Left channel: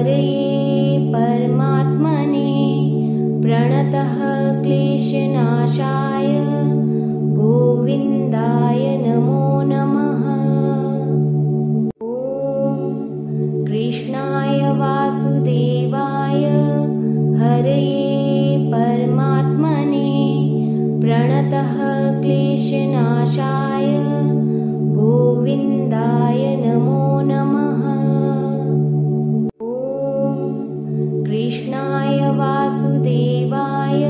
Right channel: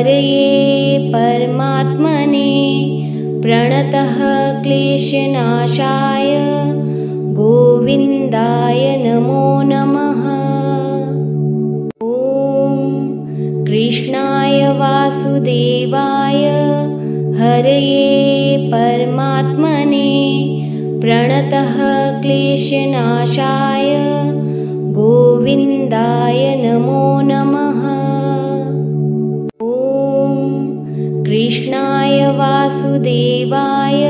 हरये परमात्मने प्रणतः क्लेशनाशाय गोविन्दाय नमो नमः। ॐ कृष्णाय वासुदेवाय हरये परमात्मने प्रणतः क्लेशनाशाय गोविन्दाय नमो नमः। ॐ कृष्णाय वासुदेवाय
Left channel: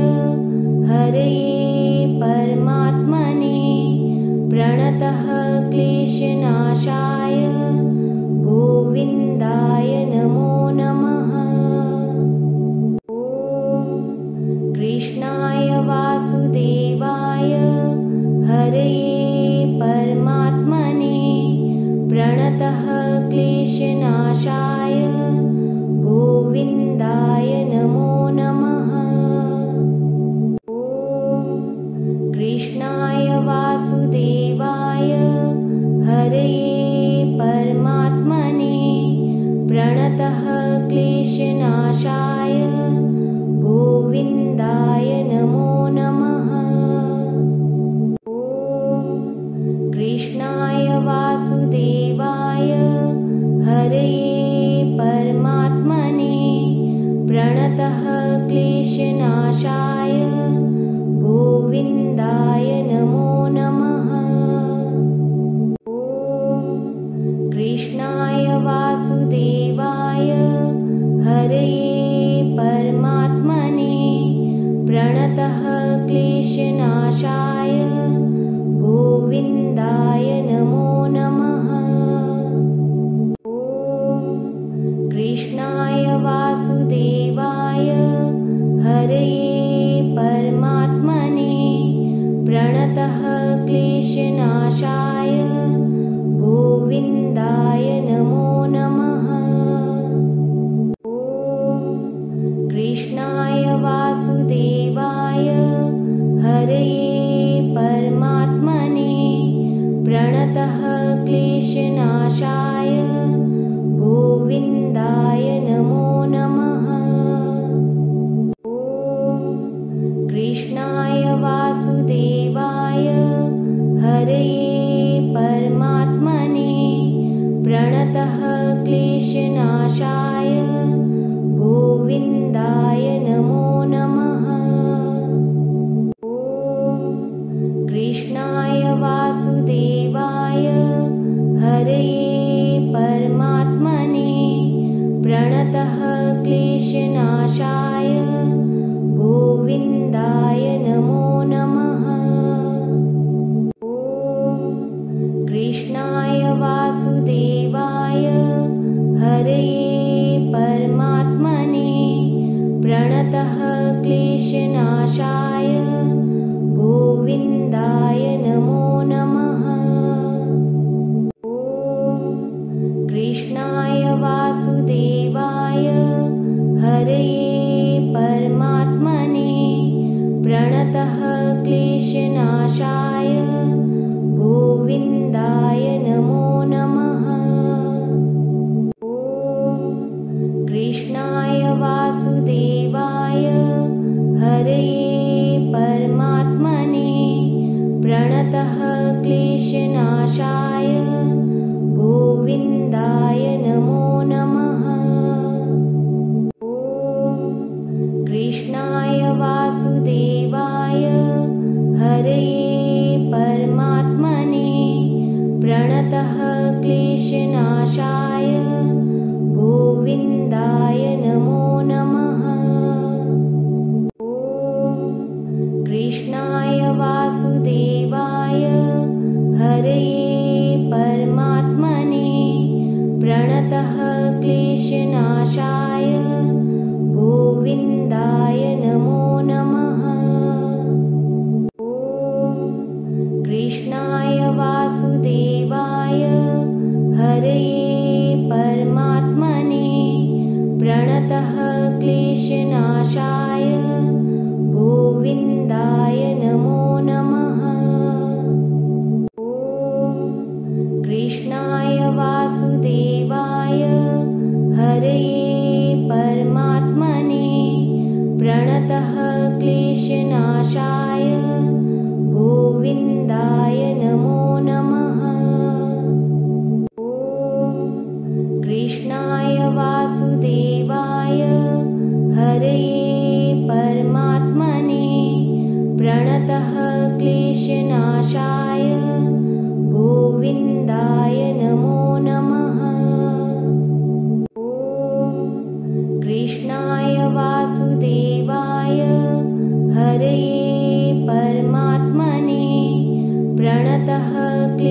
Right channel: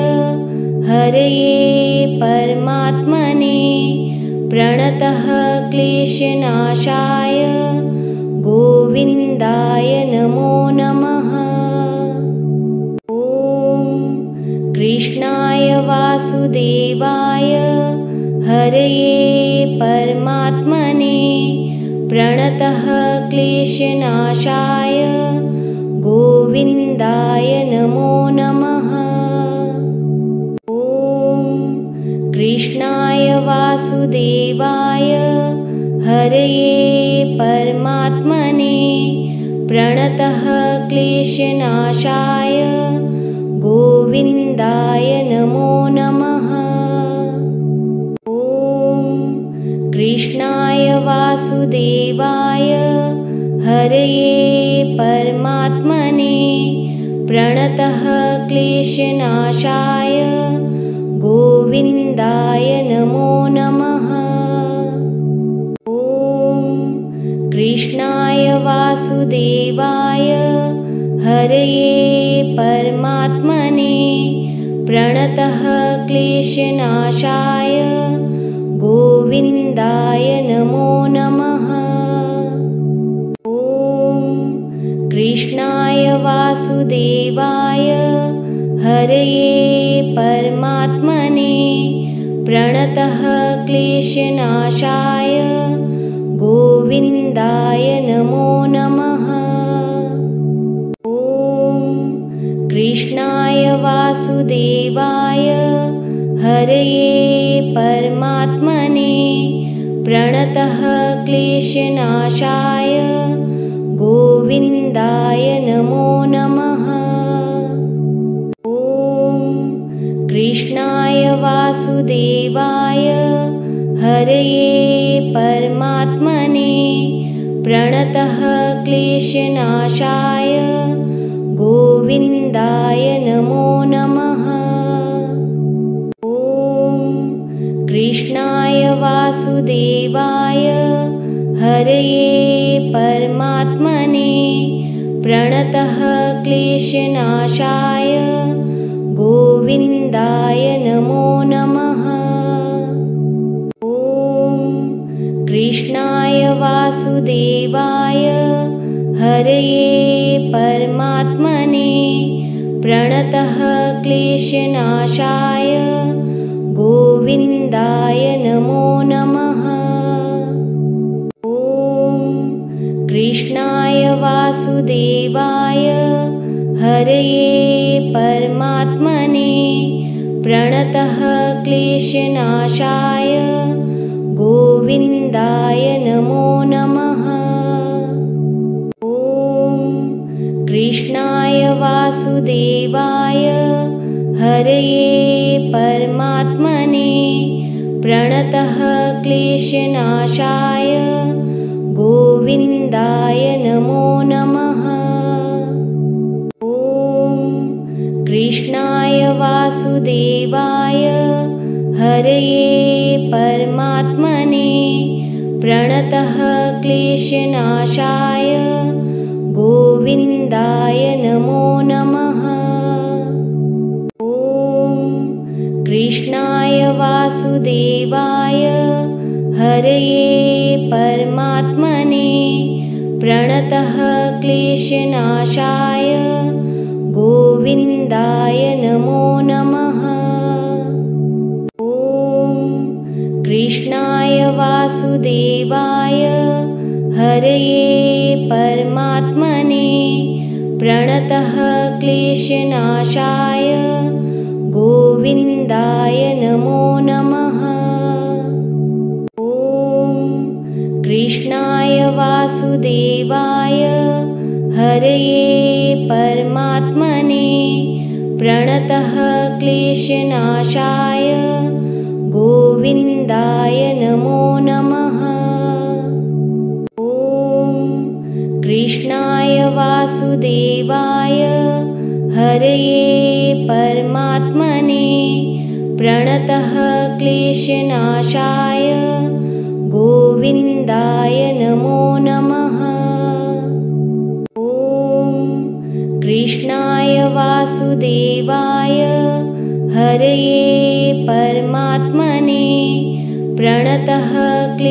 हरये परमात्मने प्रणतः क्लेशनाशाय गोविन्दाय नमो नमः। ॐ कृष्णाय वासुदेवाय हरये परमात्मने प्रणतः क्लेशनाशाय गोविन्दाय नमो नमः। ॐ कृष्णाय वासुदेवाय हरये परमात्मने प्रणतः क्लेशनाशाय गोविन्दाय नमो नमः। ॐ कृष्णाय वासुदेवाय हरये परमात्मने प्रणतः क्लेशनाशाय गोविन्दाय नमो नमः। ॐ कृष्णाय वासुदेवाय हरये परमात्मने प्रणतः क्लेशनाशाय गोविन्दाय नमो नमः। ॐ कृष्णाय वासुदेवाय हरये परमात्मने प्रणतः क्लेशनाशाय गोविन्दाय नमो नमः। ॐ कृष्णाय वासुदेवाय हरये परमात्मने प्रणतः क्लेशनाशाय गोविन्दाय नमो नमः। ॐ कृष्णाय वासुदेवाय हरये परमात्मने प्रणतः क्लेशनाशाय गोविन्दाय नमो नमः। ॐ कृष्णाय वासुदेवाय हरये परमात्मने प्रणतः क्लेशनाशाय गोविन्दाय नमो नमः। ॐ कृष्णाय वासुदेवाय हरये परमात्मने प्रणतः क्लेशनाशाय गोविन्दाय नमो नमः। ॐ कृष्णाय वासुदेवाय हरये परमात्मने प्रणतः क्लेशनाशाय गोविन्दाय नमो नमः। ॐ कृष्णाय वासुदेवाय हरये परमात्मने प्रणतः क्लेशनाशाय गोविन्दाय नमो नमः। ॐ कृष्णाय वासुदेवाय हरये परमात्मने प्रणतः क्लेशनाशाय गोविन्दाय नमो नमः। ॐ कृष्णाय वासुदेवाय हरये परमात्मने प्रणतः क्लेशनाशाय गोविन्दाय नमो नमः। ॐ कृष्णाय वासुदेवाय हरये परमात्मने प्रणतः क्लेशनाशाय गोविन्दाय नमो नमः। ॐ कृष्णाय वासुदेवाय हरये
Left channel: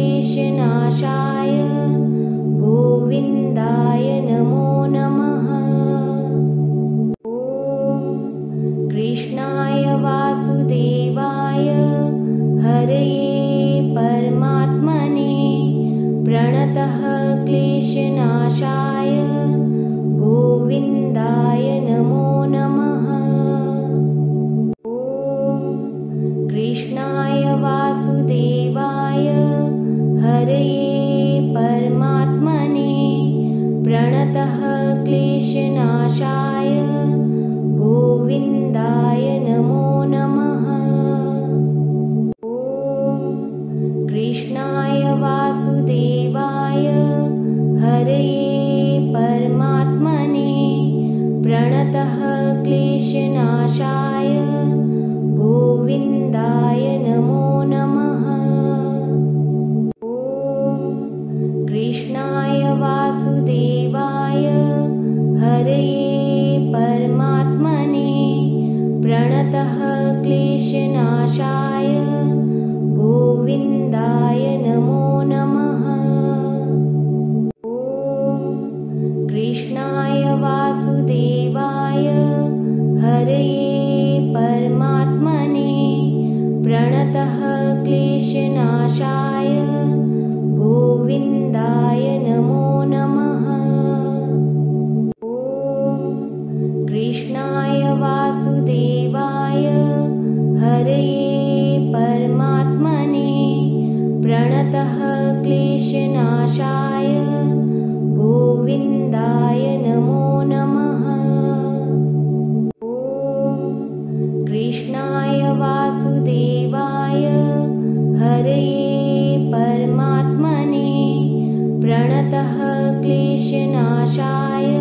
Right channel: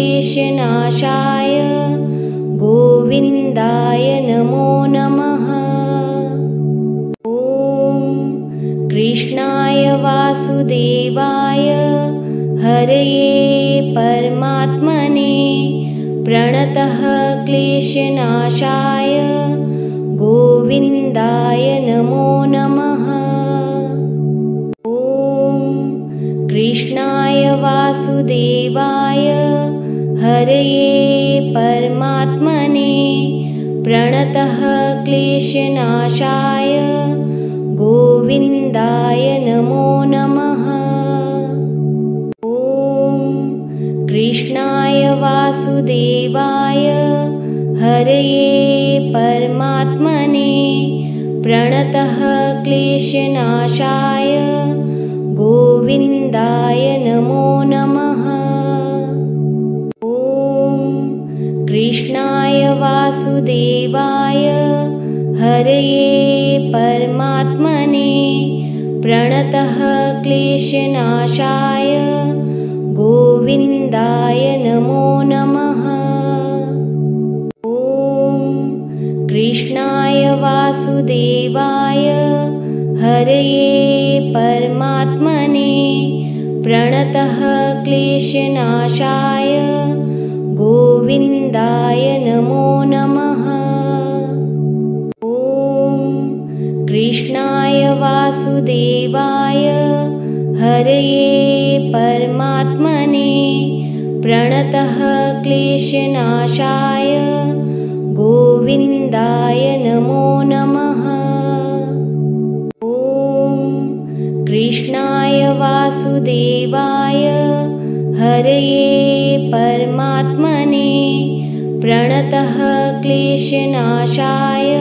क्लेशनाशाय गोविन्दाय नमो नमः। ॐ कृष्णाय वासुदेवाय हरये परमात्मने प्रणतः क्लेशनाशाय गोविन्दाय नमो नमः। ॐ कृष्णाय वासुदेवाय हरये परमात्मने प्रणतः क्लेशनाशाय गोविन्दाय नमो नमः। ॐ कृष्णाय वासुदेवाय हरये परमात्मने प्रणतः क्लेशनाशाय गोविन्दाय नमो नमः। ॐ कृष्णाय वासुदेवाय हरये परमात्मने प्रणतः क्लेशनाशाय गोविन्दाय नमो नमः। ॐ कृष्णाय वासुदेवाय हरये परमात्मने प्रणतः क्लेशनाशाय गोविन्दाय नमो नमः। ॐ कृष्णाय वासुदेवाय हरये परमात्मने प्रणतः क्लेशनाशाय गोविन्दाय नमो नमः। ॐ कृष्णाय वासुदेवाय हरये परमात्मने प्रणतः क्लेशनाशाय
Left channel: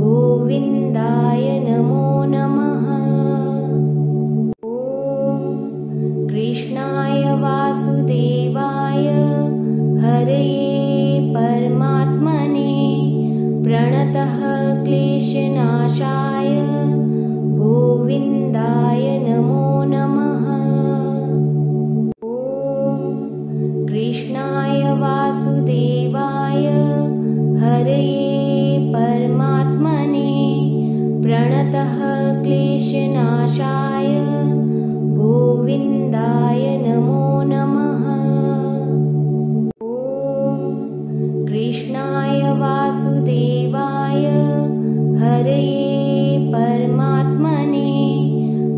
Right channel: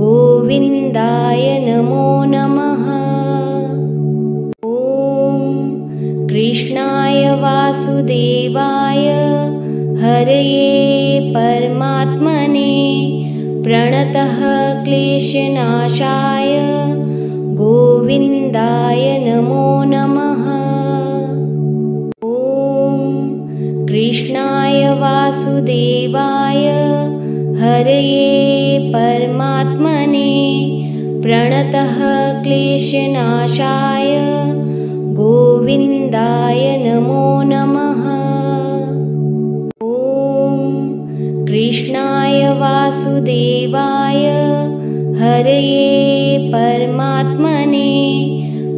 गोविन्दाय नमो नमः। ॐ कृष्णाय वासुदेवाय हरये परमात्मने प्रणतः क्लेशनाशाय गोविन्दाय नमो नमः। ॐ कृष्णाय वासुदेवाय हरये परमात्मने प्रणतः क्लेशनाशाय गोविन्दाय नमो नमः। ॐ कृष्णाय वासुदेवाय हरये परमात्मने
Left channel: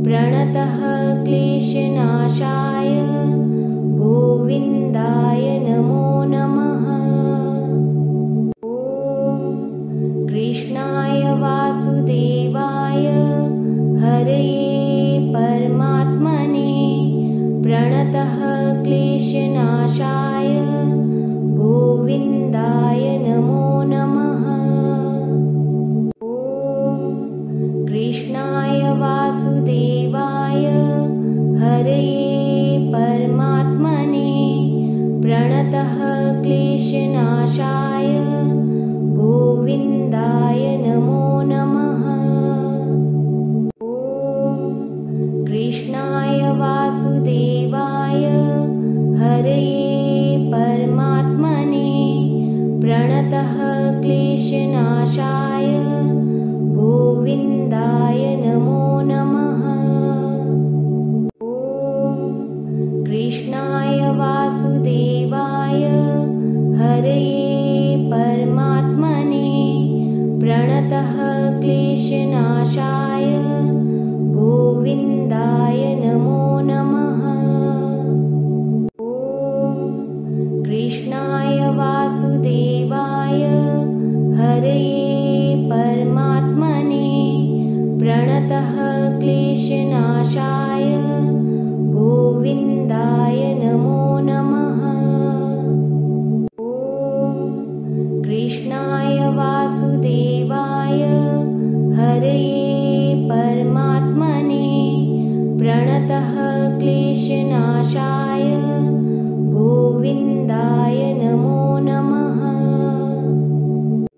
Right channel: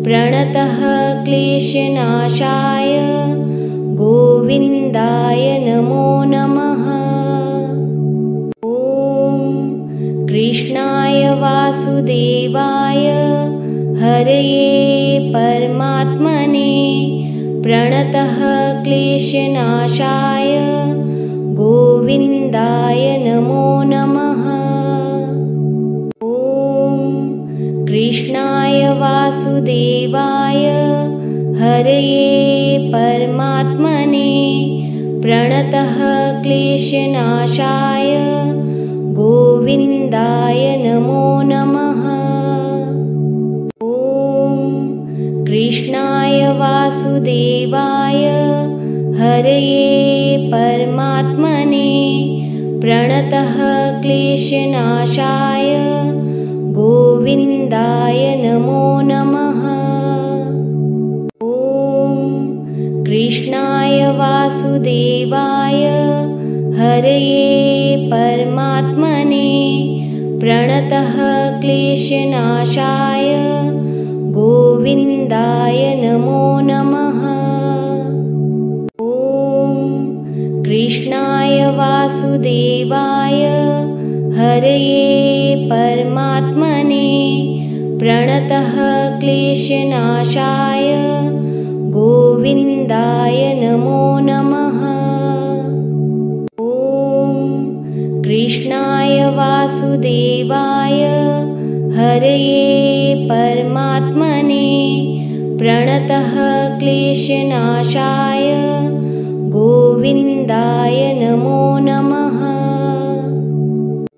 प्रणतः क्लेशनाशाय गोविन्दाय नमो नमः। ॐ कृष्णाय वासुदेवाय हरये परमात्मने प्रणतः क्लेशनाशाय गोविन्दाय नमो नमः। ॐ कृष्णाय वासुदेवाय हरये परमात्मने प्रणतः क्लेशनाशाय गोविन्दाय नमो नमः। ॐ कृष्णाय वासुदेवाय हरये परमात्मने प्रणतः क्लेशनाशाय गोविन्दाय नमो नमः। ॐ कृष्णाय वासुदेवाय हरये परमात्मने प्रणतः क्लेशनाशाय गोविन्दाय नमो नमः। ॐ कृष्णाय वासुदेवाय हरये परमात्मने प्रणतः क्लेशनाशाय गोविन्दाय नमो नमः। ॐ कृष्णाय वासुदेवाय हरये परमात्मने प्रणतः क्लेशनाशाय गोविन्दाय नमो नमः।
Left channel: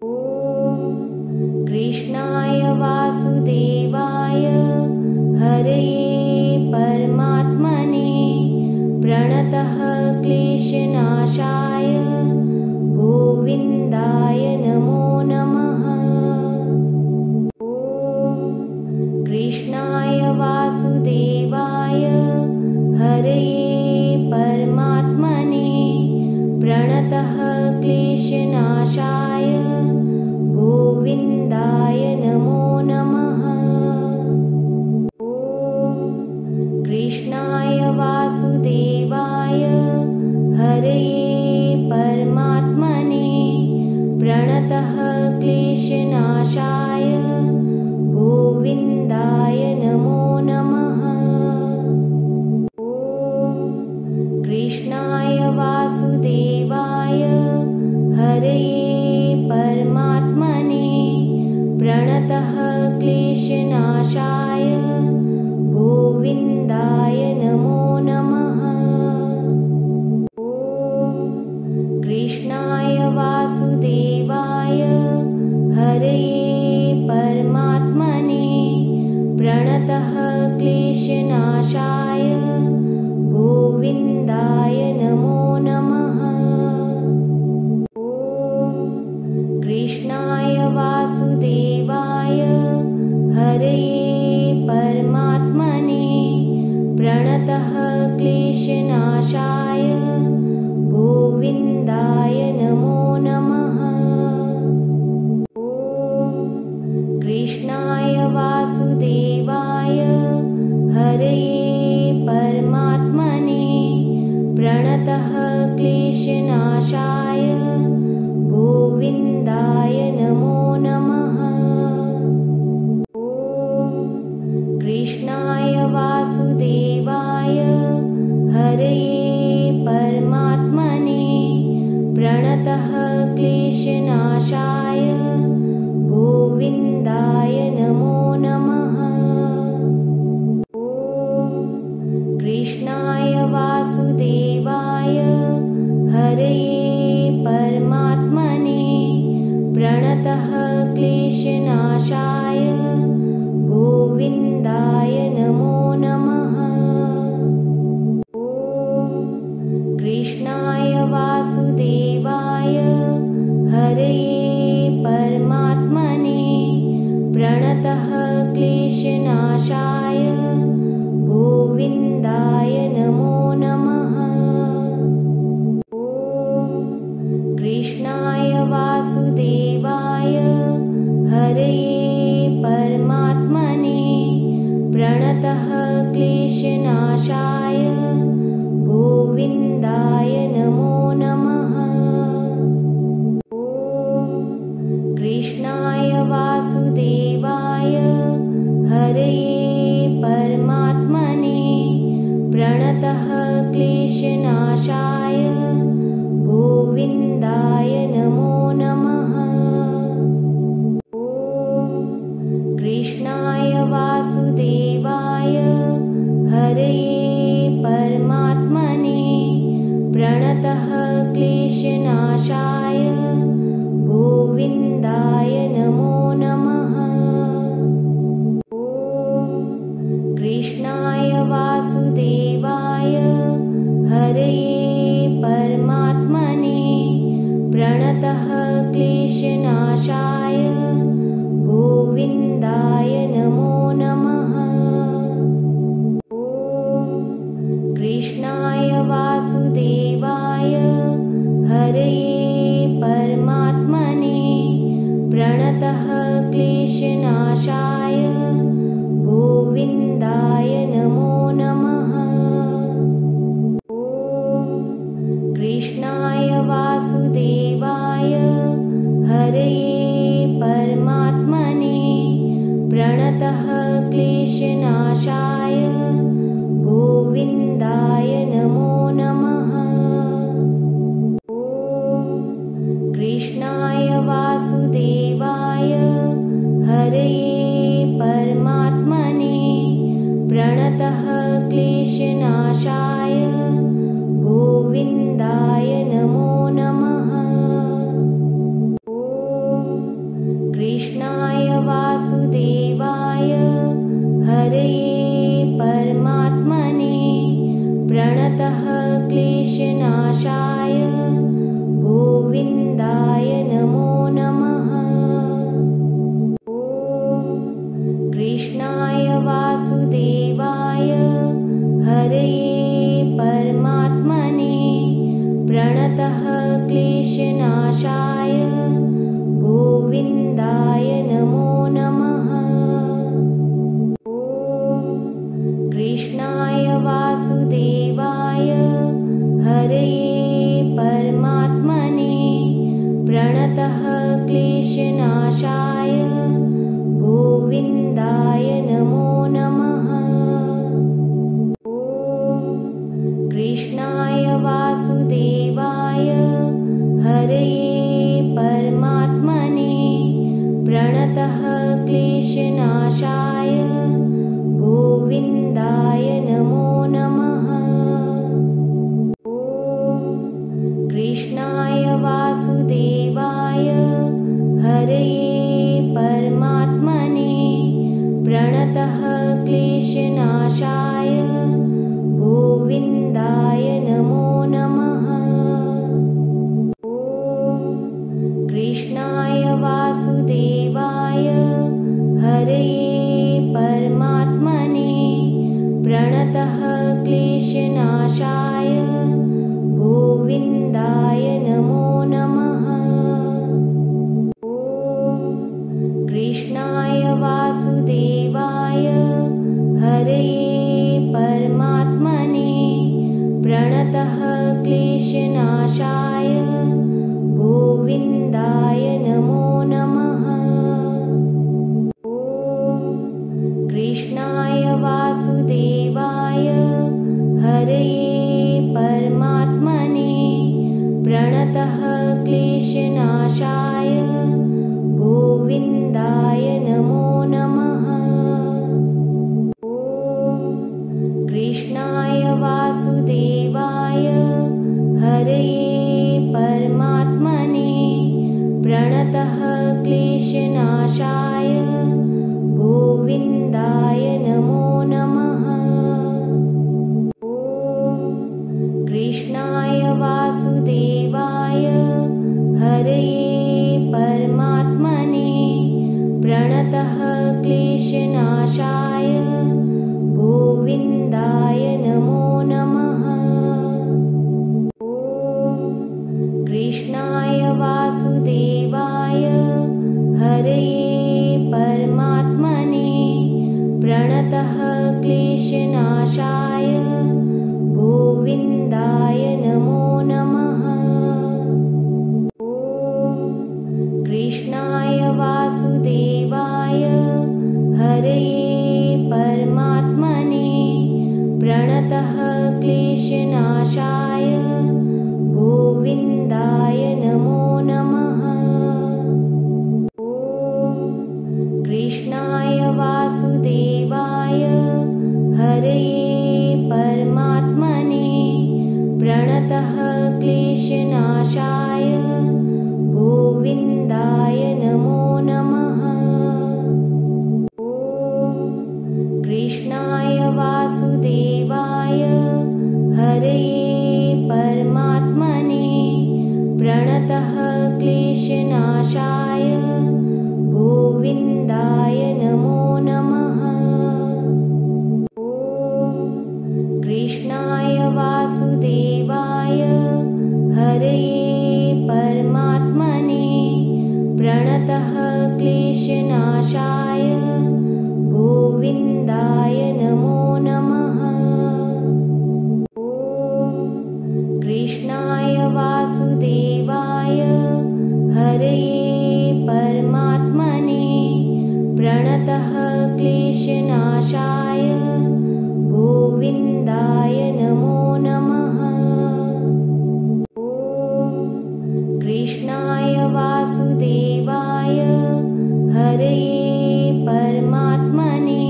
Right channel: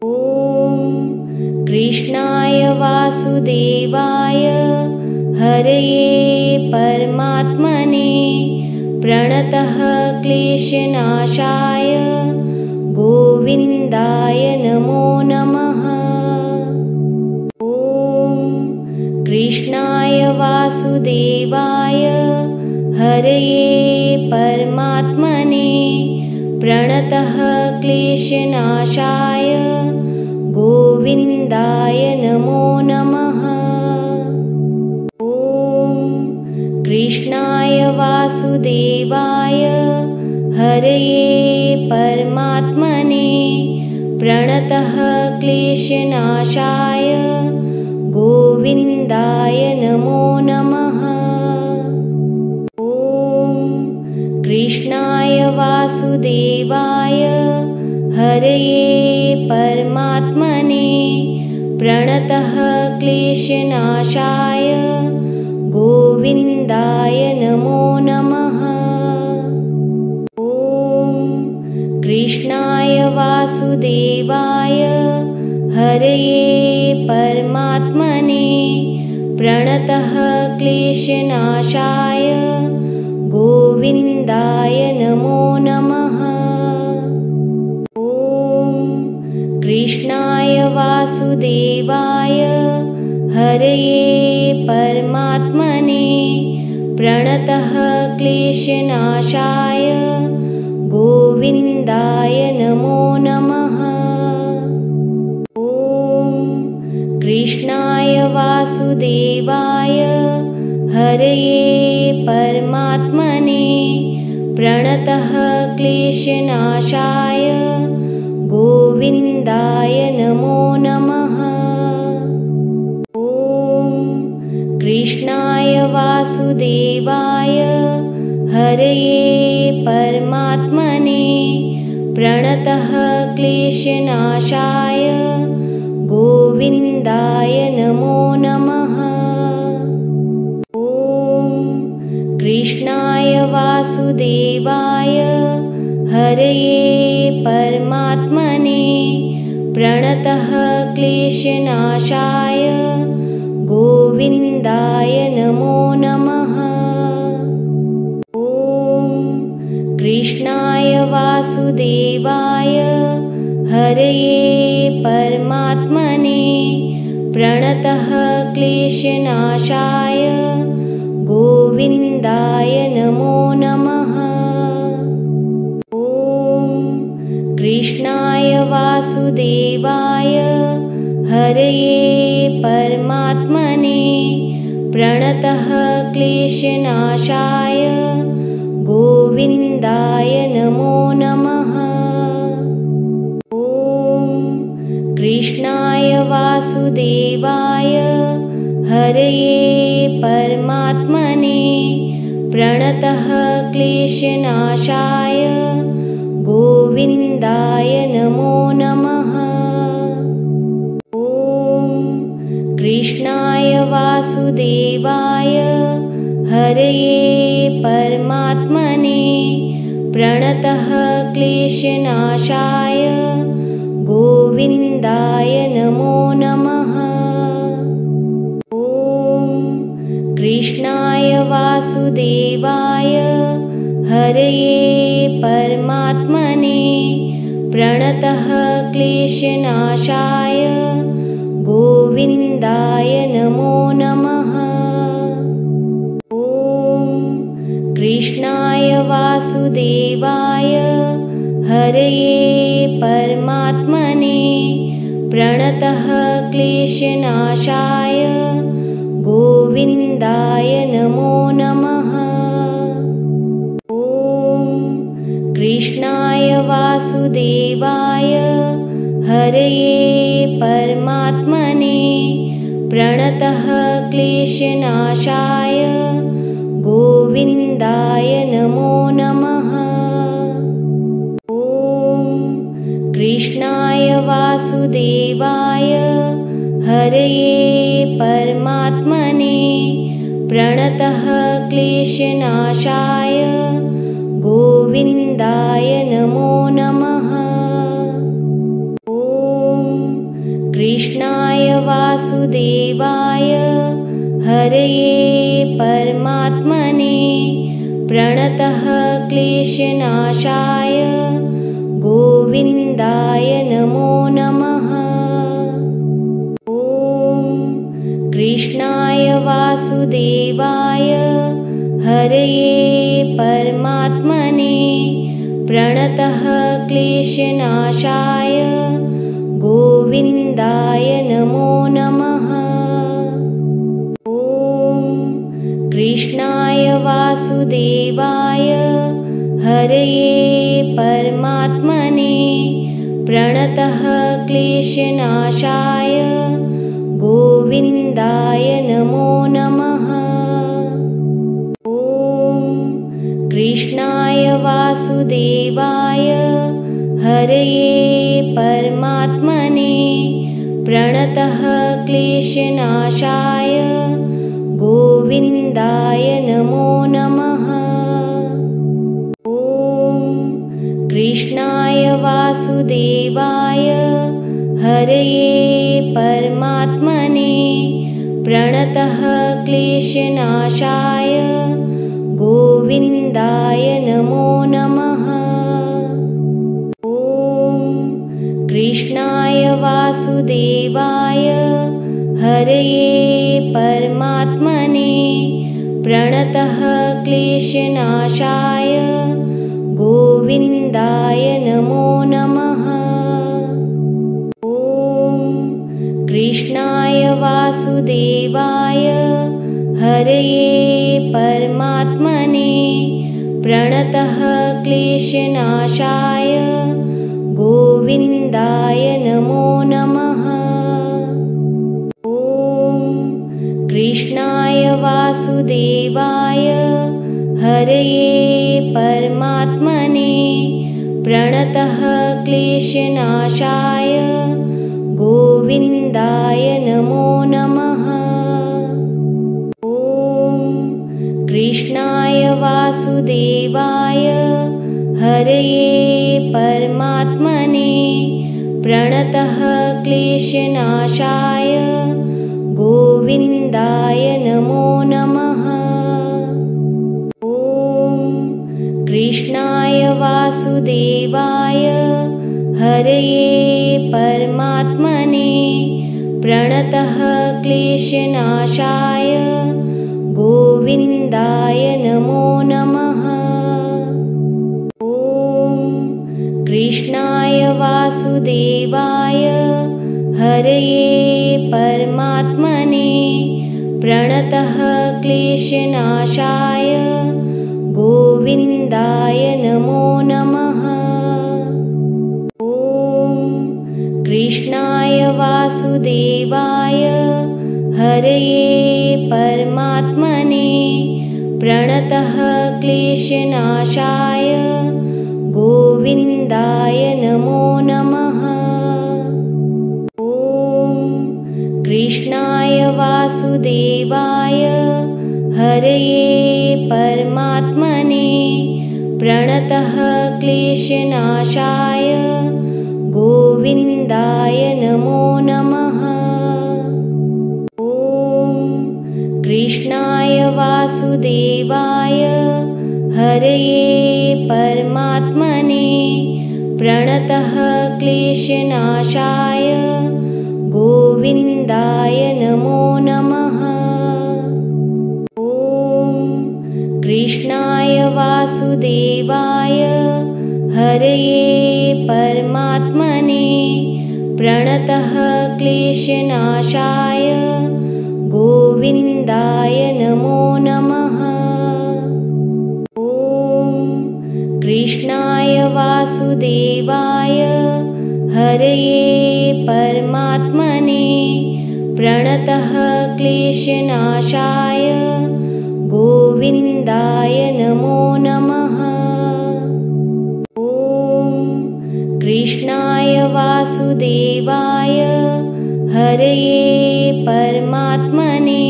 ॐ कृष्णाय वासुदेवाय हरये परमात्मने प्रणतः क्लेशनाशाय क्लेशनाशाय गोविन्दाय नमो नमः। ॐ कृष्णाय वासुदेवाय हरये परमात्मने प्रणतः क्लेशनाशाय गोविन्दाय नमो नमः। ॐ कृष्णाय वासुदेवाय हरये परमात्मने प्रणतः क्लेशनाशाय गोविन्दाय नमो नमः। ॐ कृष्णाय वासुदेवाय हरये परमात्मने प्रणतः क्लेशनाशाय गोविन्दाय नमो नमः। ॐ कृष्णाय वासुदेवाय हरये परमात्मने प्रणतः क्लेशनाशाय गोविन्दाय नमो नमः। ॐ कृष्णाय वासुदेवाय हरये परमात्मने प्रणतः क्लेशनाशाय गोविन्दाय नमो नमः। ॐ कृष्णाय वासुदेवाय हरये परमात्मने प्रणतः क्लेशनाशाय गोविन्दाय नमो नमः। ॐ कृष्णाय वासुदेवाय हरये परमात्मने प्रणतः क्लेशनाशाय गोविन्दाय नमो नमः। ॐ कृष्णाय वासुदेवाय हरये परमात्मने प्रणतः क्लेशनाशाय गोविन्दाय नमो नमः। ॐ कृष्णाय वासुदेवाय हरये परमात्मने प्रणतः क्लेशनाशाय गोविन्दाय नमो नमः। ॐ कृष्णाय वासुदेवाय हरये परमात्मने प्रणतः क्लेशनाशाय गोविन्दाय नमो नमः। ॐ कृष्णाय वासुदेवाय हरये परमात्मने प्रणतः क्लेशनाशाय गोविन्दाय नमो नमः। ॐ कृष्णाय वासुदेवाय हरये परमात्मने प्रणतः क्लेशनाशाय गोविन्दाय नमो नमः। ॐ कृष्णाय वासुदेवाय हरये परमात्मने प्रणतः क्लेशनाशाय गोविन्दाय नमो नमः। ॐ कृष्णाय वासुदेवाय हरये परमात्मने प्रणतः क्लेशनाशाय गोविन्दाय नमो नमः। ॐ कृष्णाय वासुदेवाय हरये परमात्मने प्रणतः क्लेशनाशाय गोविन्दाय नमो नमः। ॐ कृष्णाय वासुदेवाय हरये परमात्मने प्रणतः क्लेशनाशाय गोविन्दाय नमो नमः। ॐ कृष्णाय वासुदेवाय हरये क्लेशनाशाय गोविन्दाय नमो नमः। ॐ कृष्णाय वासुदेवाय हरये परमात्मने प्रणतः क्लेशनाशाय गोविन्दाय नमो नमः। ॐ कृष्णाय वासुदेवाय हरये परमात्मने प्रणतः क्लेशनाशाय गोविन्दाय नमो नमः। ॐ कृष्णाय वासुदेवाय हरये परमात्मने प्रणतः क्लेशनाशाय गोविन्दाय नमो नमः। ॐ कृष्णाय वासुदेवाय हरये परमात्मने प्रणतः क्लेशनाशाय गोविन्दाय नमो नमः। ॐ कृष्णाय वासुदेवाय हरये परमात्मने प्रणतः क्लेशनाशाय गोविन्दाय नमो नमः। ॐ कृष्णाय वासुदेवाय हरये परमात्मने प्रणतः क्लेशनाशाय गोविन्दाय नमो नमः। ॐ कृष्णाय वासुदेवाय हरये परमात्मने प्रणतः क्लेशनाशाय गोविन्दाय नमो नमः। ॐ कृष्णाय वासुदेवाय हरये परमात्मने प्रणतः क्लेशनाशाय गोविन्दाय नमो नमः। ॐ कृष्णाय वासुदेवाय हरये परमात्मने प्रणतः क्लेशनाशाय गोविन्दाय नमो नमः। ॐ कृष्णाय वासुदेवाय हरये परमात्मने प्रणतः क्लेशनाशाय गोविन्दाय नमो नमः। ॐ कृष्णाय वासुदेवाय हरये परमात्मने प्रणतः क्लेशनाशाय गोविन्दाय नमो नमः। ॐ कृष्णाय वासुदेवाय हरये परमात्मने प्रणतः क्लेशनाशाय गोविन्दाय नमो नमः। ॐ कृष्णाय वासुदेवाय हरये परमात्मने प्रणतः क्लेशनाशाय गोविन्दाय नमो नमः। ॐ कृष्णाय वासुदेवाय हरये परमात्मने प्रणतः क्लेशनाशाय गोविन्दाय नमो नमः। ॐ कृष्णाय वासुदेवाय हरये परमात्मने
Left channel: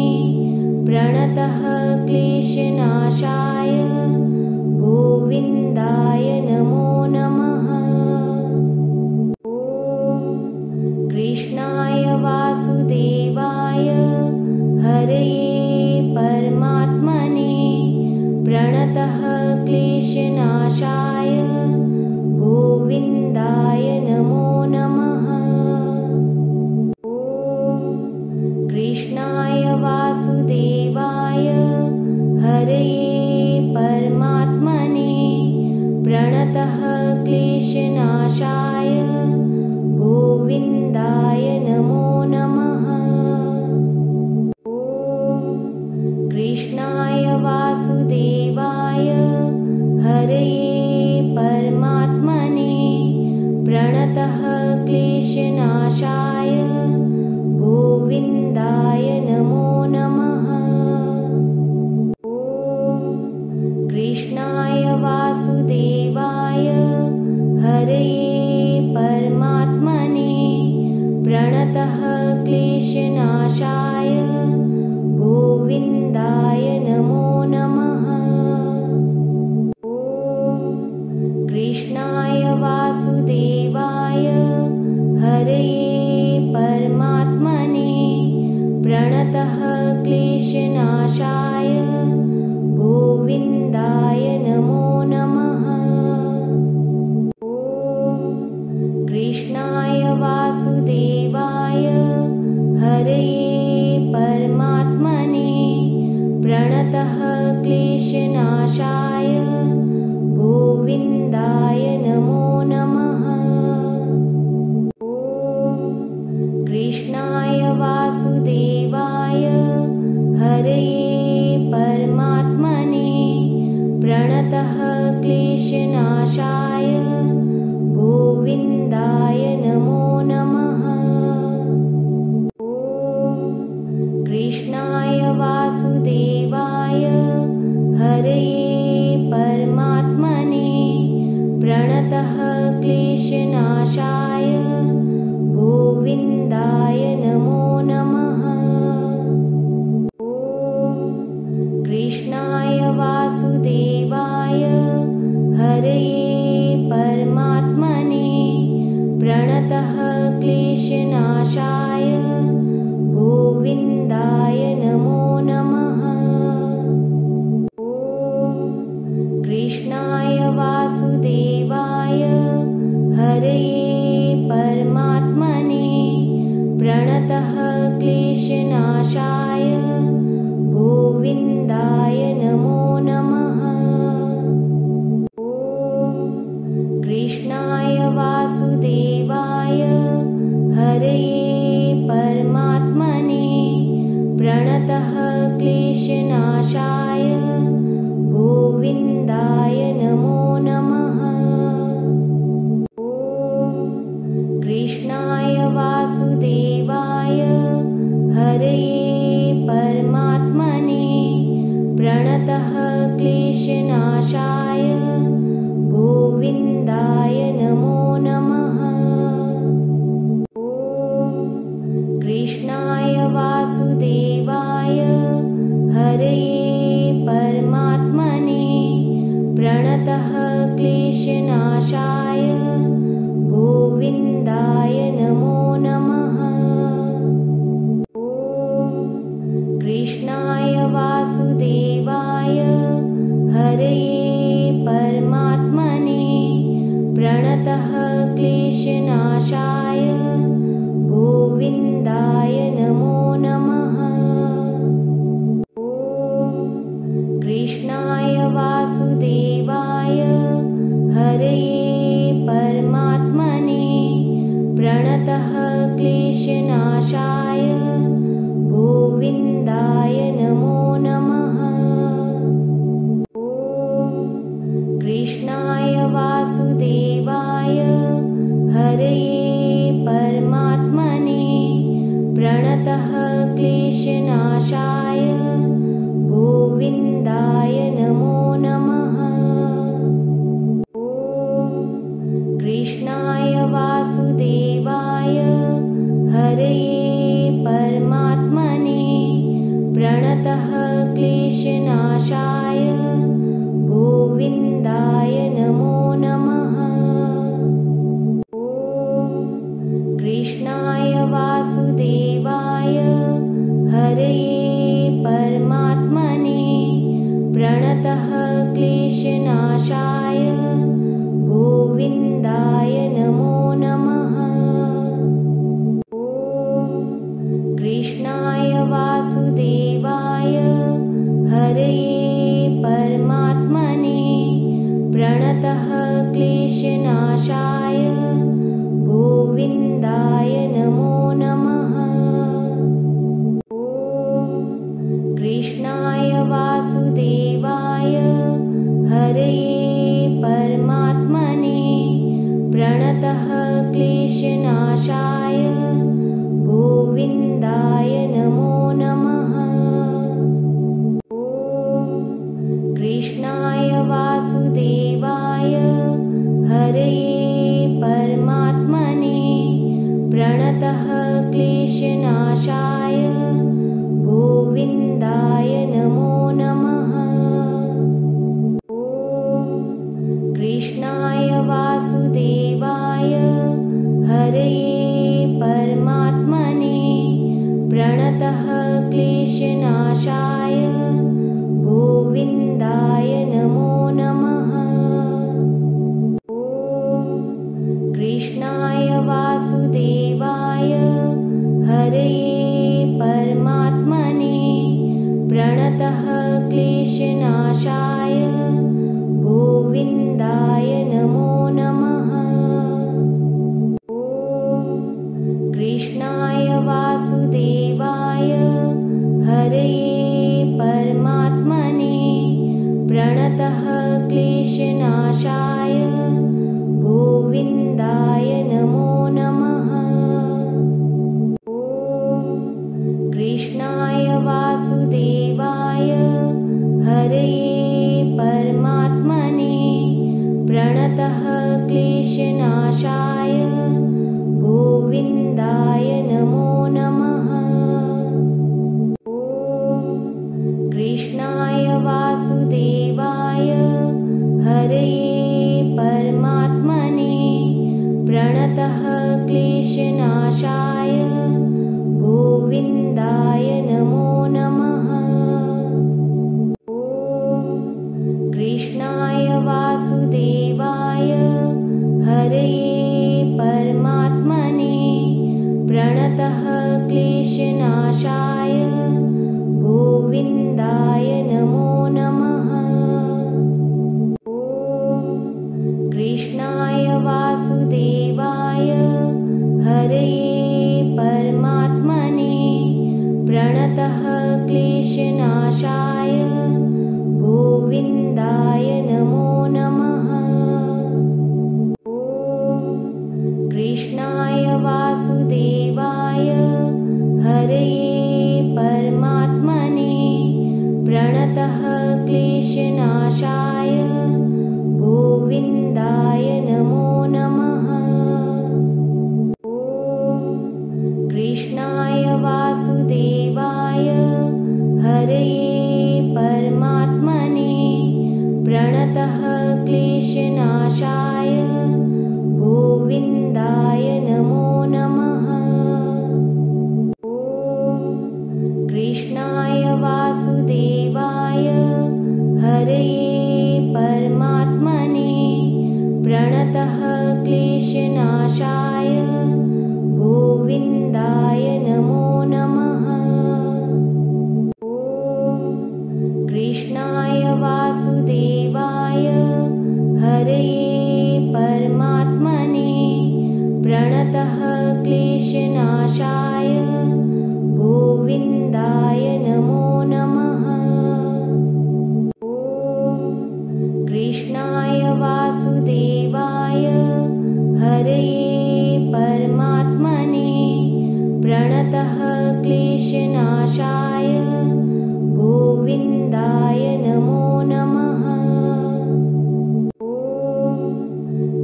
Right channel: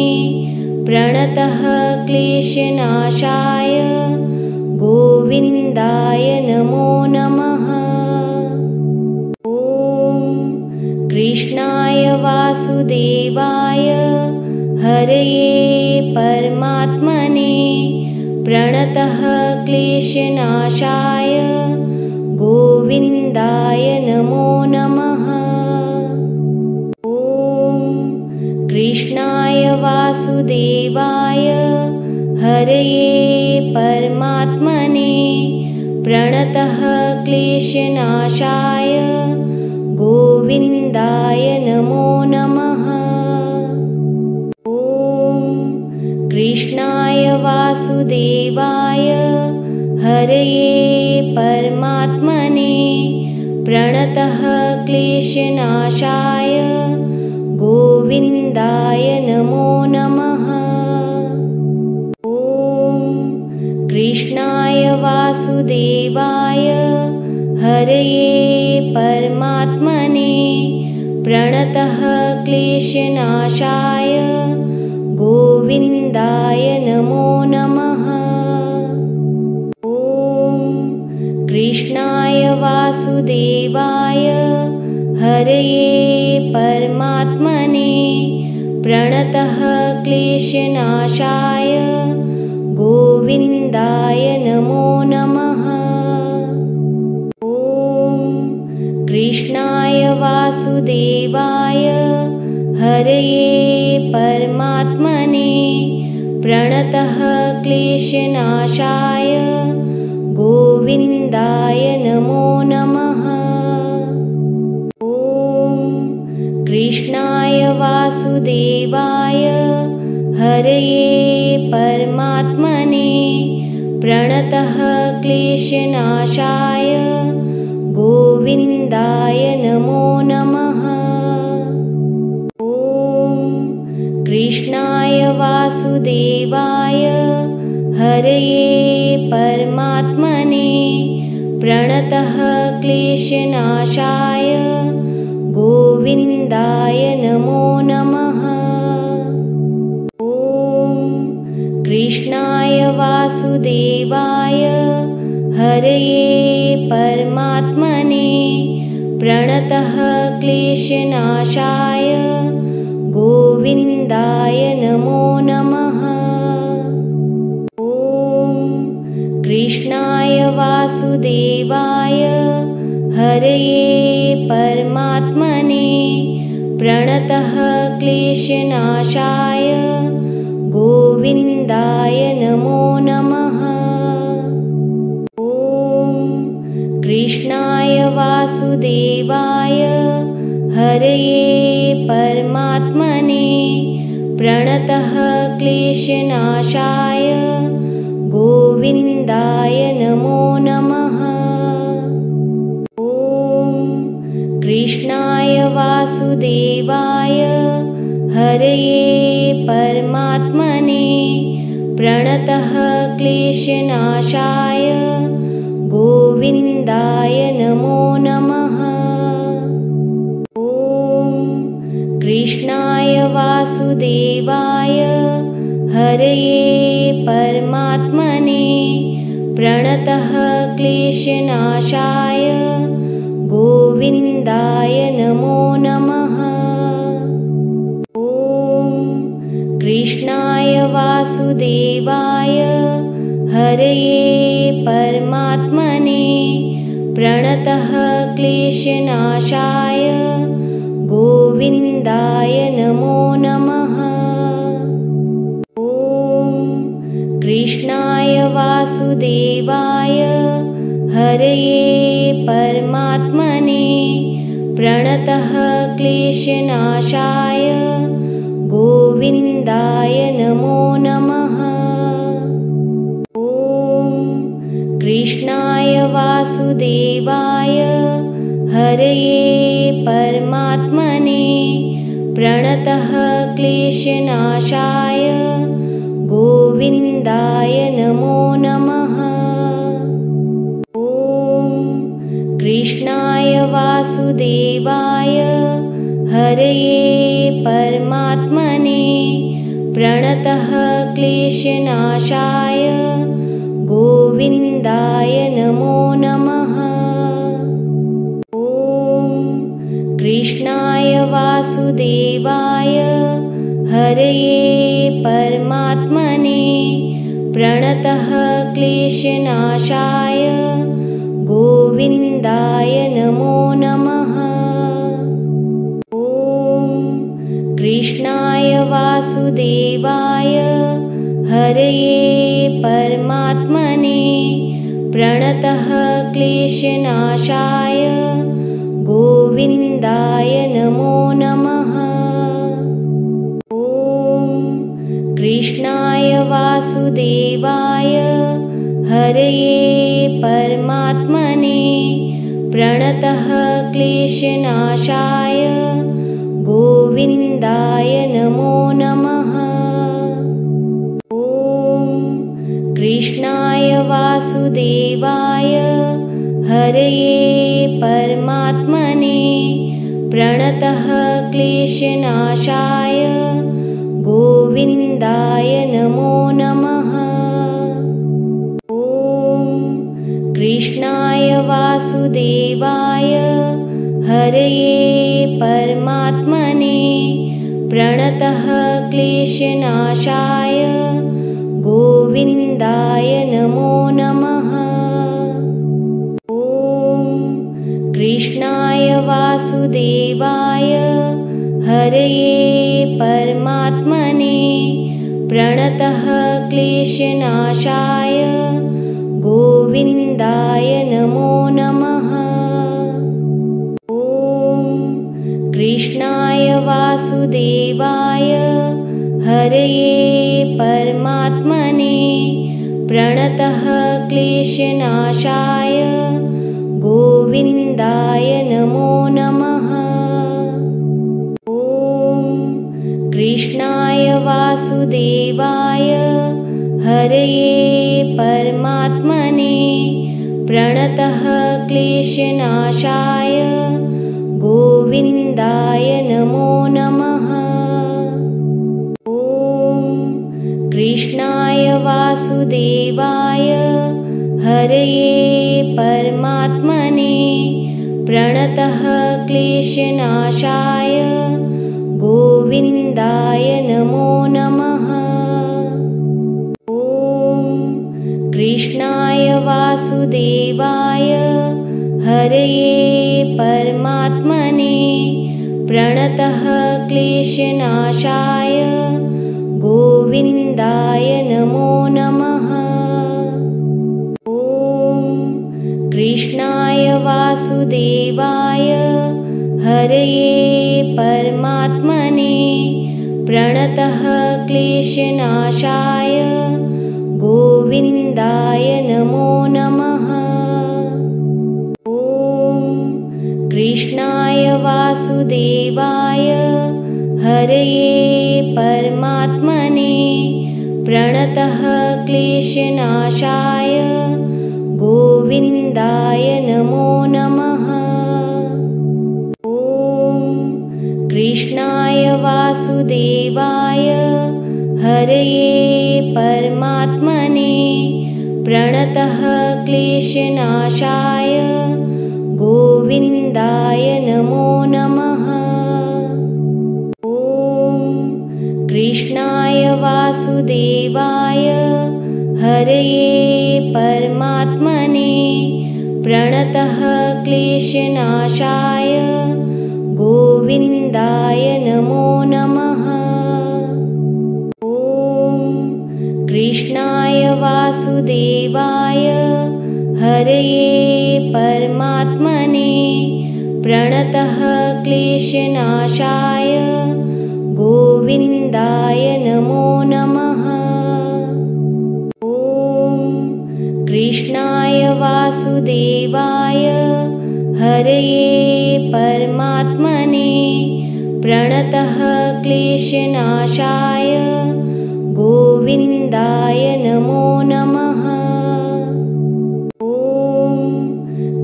प्रणतः क्लेशनाशाय गोविन्दाय नमो नमः। ॐ कृष्णाय वासुदेवाय हरये परमात्मने प्रणतः क्लेशनाशाय गोविन्दाय नमो नमः। ॐ कृष्णाय वासुदेवाय हरये परमात्मने प्रणतः क्लेशनाशाय क्लेशनाशाय गोविन्दाय नमो नमः। ॐ कृष्णाय वासुदेवाय हरये परमात्मने प्रणतः क्लेशनाशाय गोविन्दाय नमो नमः। ॐ कृष्णाय वासुदेवाय हरये परमात्मने प्रणतः क्लेशनाशाय गोविन्दाय नमो नमः। ॐ कृष्णाय वासुदेवाय हरये परमात्मने प्रणतः क्लेशनाशाय गोविन्दाय नमो नमः। ॐ कृष्णाय वासुदेवाय हरये परमात्मने प्रणतः क्लेशनाशाय गोविन्दाय नमो नमः। ॐ कृष्णाय वासुदेवाय हरये परमात्मने प्रणतः क्लेशनाशाय गोविन्दाय नमो नमः। ॐ कृष्णाय वासुदेवाय हरये परमात्मने प्रणतः क्लेशनाशाय गोविन्दाय नमो नमः। ॐ कृष्णाय वासुदेवाय हरये परमात्मने प्रणतः क्लेशनाशाय गोविन्दाय नमो नमः। ॐ कृष्णाय वासुदेवाय हरये परमात्मने प्रणतः क्लेशनाशाय गोविन्दाय नमो नमः। ॐ कृष्णाय वासुदेवाय हरये परमात्मने प्रणतः क्लेशनाशाय गोविन्दाय नमो नमः। ॐ कृष्णाय वासुदेवाय हरये परमात्मने प्रणतः क्लेशनाशाय गोविन्दाय नमो नमः। ॐ कृष्णाय वासुदेवाय हरये परमात्मने प्रणतः क्लेशनाशाय गोविन्दाय नमो नमः। ॐ कृष्णाय वासुदेवाय हरये परमात्मने प्रणतः क्लेशनाशाय गोविन्दाय नमो नमः। ॐ कृष्णाय वासुदेवाय हरये परमात्मने प्रणतः क्लेशनाशाय गोविन्दाय नमो नमः। ॐ कृष्णाय वासुदेवाय हरये परमात्मने प्रणतः क्लेशनाशाय गोविन्दाय नमो नमः। ॐ कृष्णाय वासुदेवाय हरये परमात्मने प्रणतः क्लेशनाशाय गोविन्दाय नमो नमः। ॐ कृष्णाय वासुदेवाय हरये परमात्मने प्रणतः क्लेशनाशाय गोविन्दाय नमो नमः। ॐ कृष्णाय वासुदेवाय हरये प्रणतः क्लेशनाशाय गोविन्दाय नमो नमः। ॐ कृष्णाय वासुदेवाय हरये परमात्मने प्रणतः क्लेशनाशाय गोविन्दाय नमो नमः। ॐ कृष्णाय वासुदेवाय हरये परमात्मने प्रणतः क्लेशनाशाय गोविन्दाय नमो नमः। ॐ कृष्णाय वासुदेवाय हरये परमात्मने प्रणतः क्लेशनाशाय गोविन्दाय नमो नमः। ॐ कृष्णाय वासुदेवाय हरये परमात्मने प्रणतः क्लेशनाशाय गोविन्दाय नमो नमः। ॐ कृष्णाय वासुदेवाय हरये परमात्मने प्रणतः क्लेशनाशाय गोविन्दाय नमो नमः। ॐ कृष्णाय वासुदेवाय हरये परमात्मने प्रणतः क्लेशनाशाय गोविन्दाय नमो नमः। ॐ कृष्णाय वासुदेवाय हरये परमात्मने प्रणतः क्लेशनाशाय गोविन्दाय नमो नमः। ॐ कृष्णाय वासुदेवाय हरये परमात्मने प्रणतः क्लेशनाशाय गोविन्दाय नमो नमः। ॐ कृष्णाय वासुदेवाय हरये परमात्मने प्रणतः क्लेशनाशाय गोविन्दाय नमो नमः। ॐ कृष्णाय वासुदेवाय हरये परमात्मने प्रणतः क्लेशनाशाय गोविन्दाय नमो नमः। ॐ कृष्णाय वासुदेवाय हरये परमात्मने प्रणतः क्लेशनाशाय गोविन्दाय नमो नमः। ॐ कृष्णाय वासुदेवाय हरये परमात्मने प्रणतः क्लेशनाशाय गोविन्दाय नमो नमः। ॐ कृष्णाय वासुदेवाय हरये परमात्मने प्रणतः क्लेशनाशाय गोविन्दाय नमो नमः। ॐ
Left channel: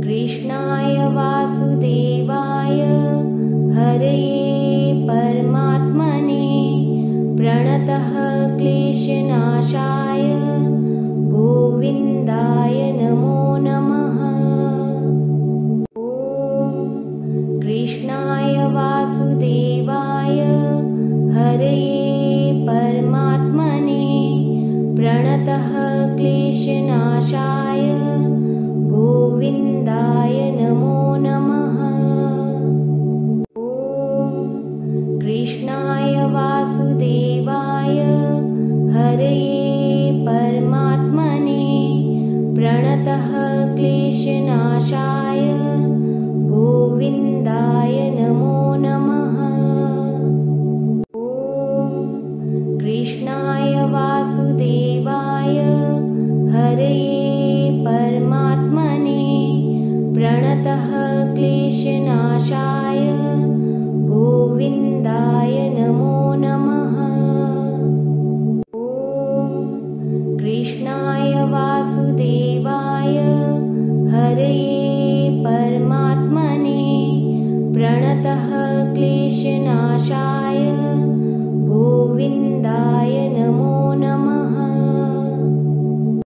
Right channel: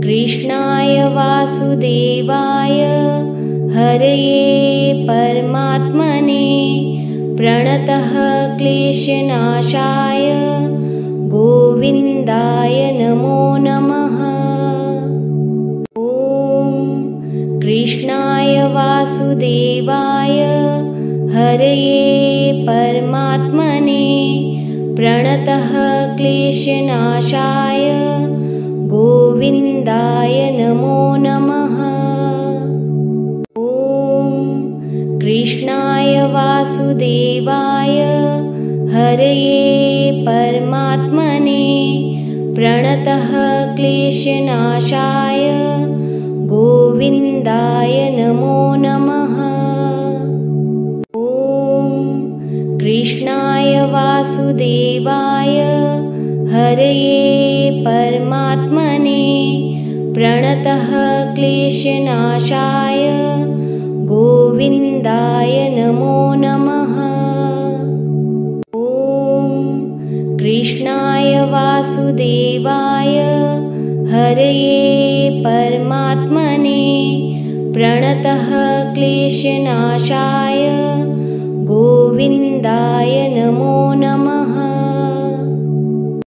कृष्णाय वासुदेवाय हरये परमात्मने प्रणतः क्लेशनाशाय गोविन्दाय नमो नमः। ॐ कृष्णाय वासुदेवाय हरये परमात्मने प्रणतः क्लेशनाशाय गोविन्दाय नमो नमः। ॐ कृष्णाय वासुदेवाय हरये परमात्मने प्रणतः क्लेशनाशाय गोविन्दाय नमो नमः। ॐ कृष्णाय वासुदेवाय हरये परमात्मने प्रणतः क्लेशनाशाय गोविन्दाय नमो नमः। ॐ कृष्णाय वासुदेवाय हरये परमात्मने प्रणतः क्लेशनाशाय